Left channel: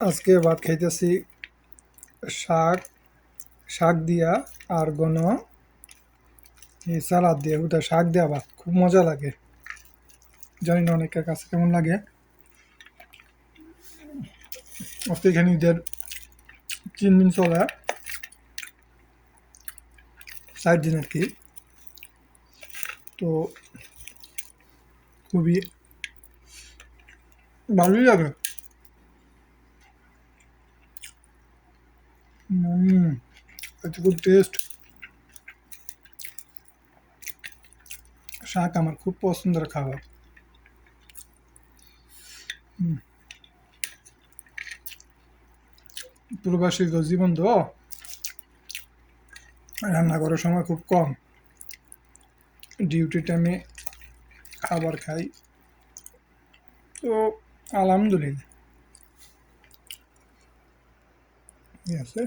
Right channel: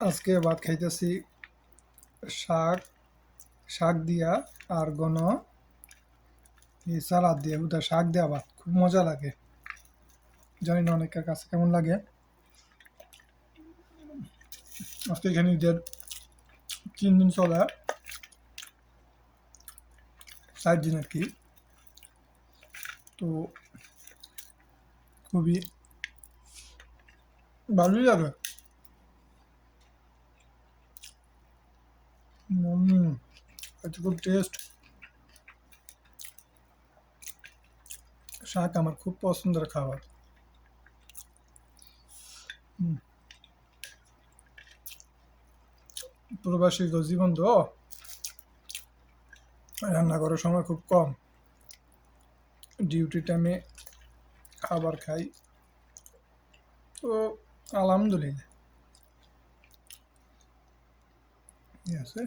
আজকে ভাত খাইতেছি শাক শাক দিয়া আর এই সালাদ দিয়ে ওটা শাক দিয়া ভাত খুব মজা লাগে। জানি না অনেকের কাছে কেমন লাগে। আজকে এখানে ঈদের 3 দিন চলে, 4 দিন আর কি। তো খুবই ভালোই লাগে। এটা খুব টেস্ট। শাক আমার খুব পছন্দের খাবার। প্রবাসী জীবন তো, রান্না করার সময় খুব কম, ডিউটি টাইমে খাবার খাই। তো আলহামদুলিল্লাহ, ঠিক আছে।